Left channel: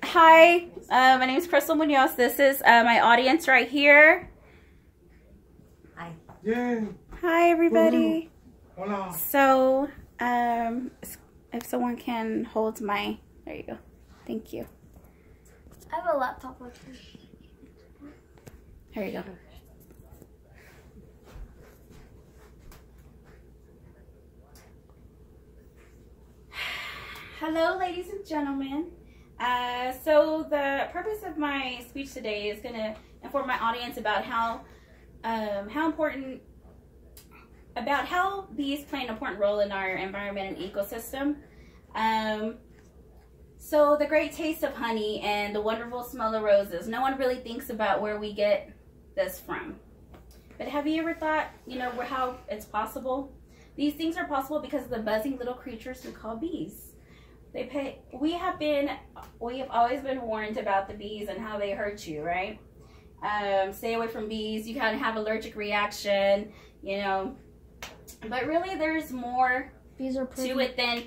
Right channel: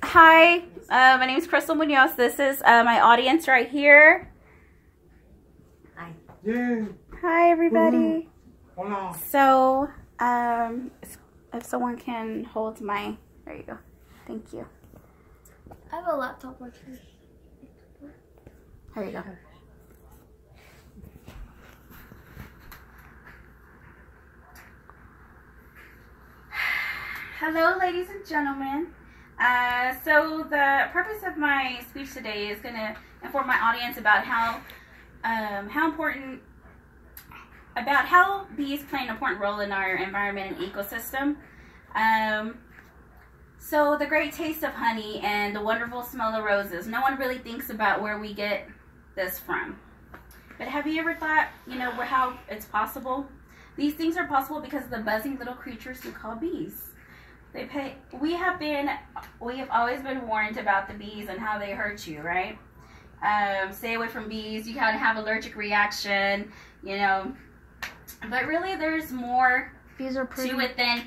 Hi, my name is Crystal Munoz. This is my audience right here. Hi. Yeah. Hi, everybody. Hola. So, if someone can hold my, there you go. Thank you. I have a laptop with me. Here you go. Hello, ladies and gentlemen. So the purpose of my speech today is going to inform my audience about how bees play an important role in our environment and ecosystem. So the great taste of honey and the wonderful smell of roses. No one really thinks about where we get this from. But have you ever thought, how it's possible? These things are possible because of the buzzing little creatures we call bees. We have always been warned about the bees and how they hurt you, right? Stay away from bees. You can have allergic reaction, But really, there's more Bees are pretty. to it than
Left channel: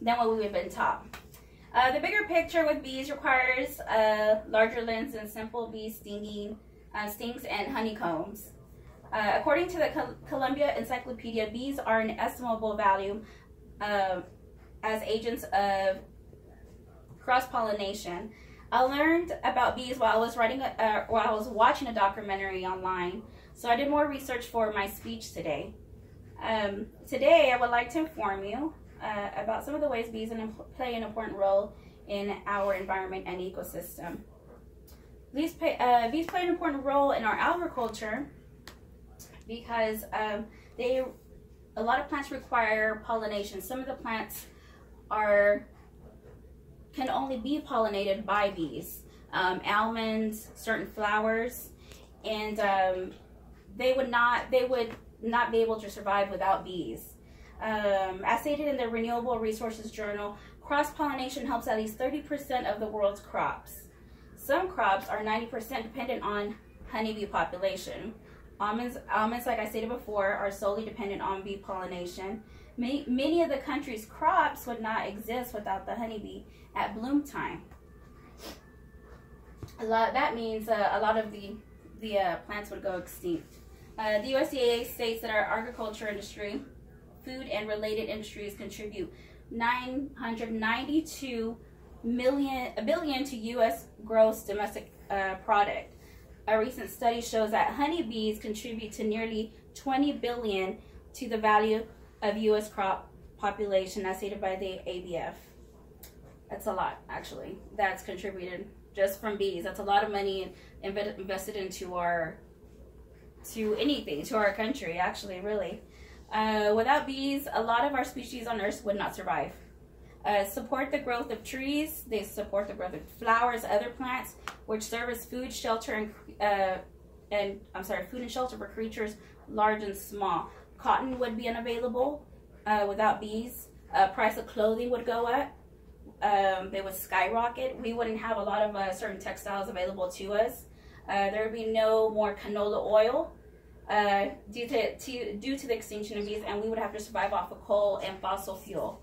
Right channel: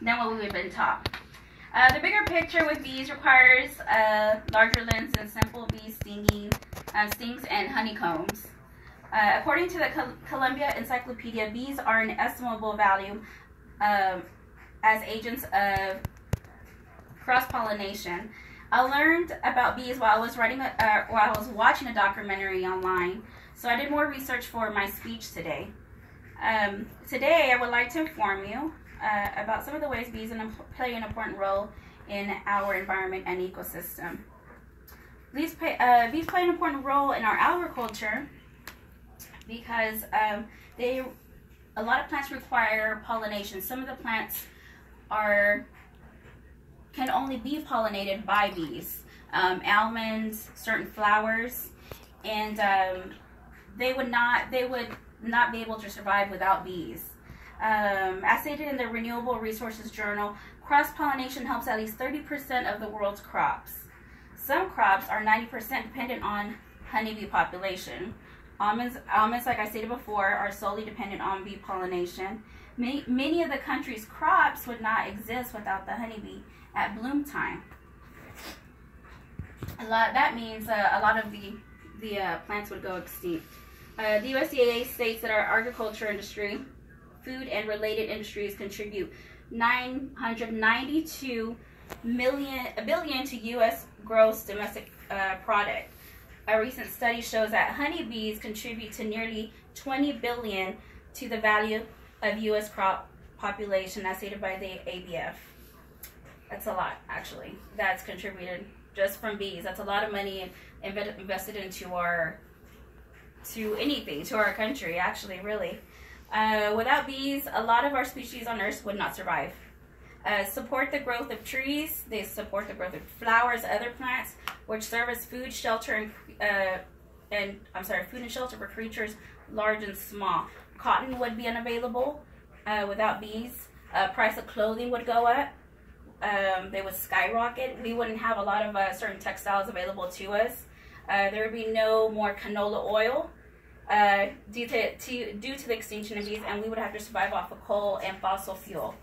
what we've been taught. The bigger picture with bees requires a larger lens than simple bee stings and honeycombs. According to the Columbia Encyclopedia, bees are an estimable value as agents of cross-pollination. I learned about bees while I was watching a documentary online, so I did more research for my speech today. Today, I would like to inform you about some of the ways bees play an important role in our environment and ecosystem. Bees play an important role in our agriculture because a lot of plants require pollination. Some of the plants can only be pollinated by bees. Almonds, certain flowers, and they would not be able to survive without bees. As stated in the Renewable Resources Journal, cross-pollination helps at least 30% of the world's crops. Some crops are 90% dependent on honeybee population. Almonds, like I stated before, are solely dependent on bee pollination. Many of the country's crops would not exist without the honeybee at bloom time. That means a lot of the plants would go extinct. The USDA states that our agriculture industry, food and related industries contribute $992 billion to U.S. gross domestic product. A recent study shows that honeybees contribute to nearly $20 billion to the value of U.S. crop population, as stated by the ABF. That's a lot, actually. That's contributed just from bees. That's a lot of money invested into our country, actually, really. Without bees, a lot of our species on Earth would not survive. Support the growth of trees. They support the growth of flowers, other plants, which serve as food and shelter for creatures large and small. Cotton would be unavailable without bees. Price of clothing would go up. They would skyrocket. We wouldn't have a lot of certain textiles available to us. There would be no more canola oil due to the extinction of bees, and we would have to survive off of coal and fossil fuel.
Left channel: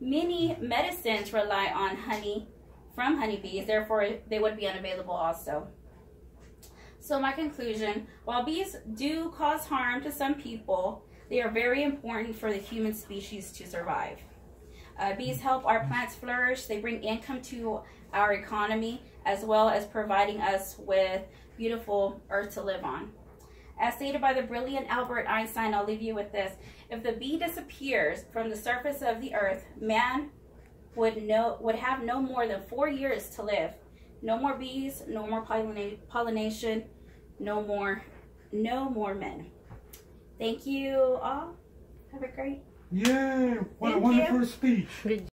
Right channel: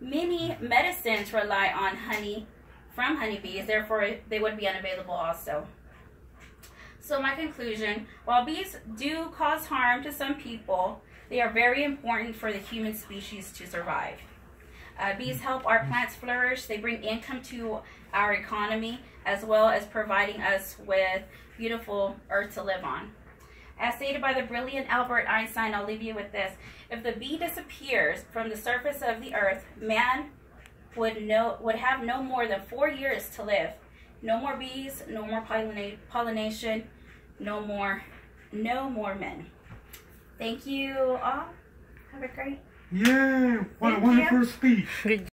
Many medicines rely on honey from honeybees, therefore they would be unavailable also. So my conclusion, while bees do cause harm to some people, they are very important for the human species to survive. Bees help our plants flourish. They bring income to our economy, as well as providing us with beautiful earth to live on. As stated by the brilliant Albert Einstein, I'll leave you with this. If the bee disappears from the surface of the earth, man would have no more than 4 years to live. No more bees, no more pollination, no more men. Thank you all. Have a great Yeah, what a wonderful speech.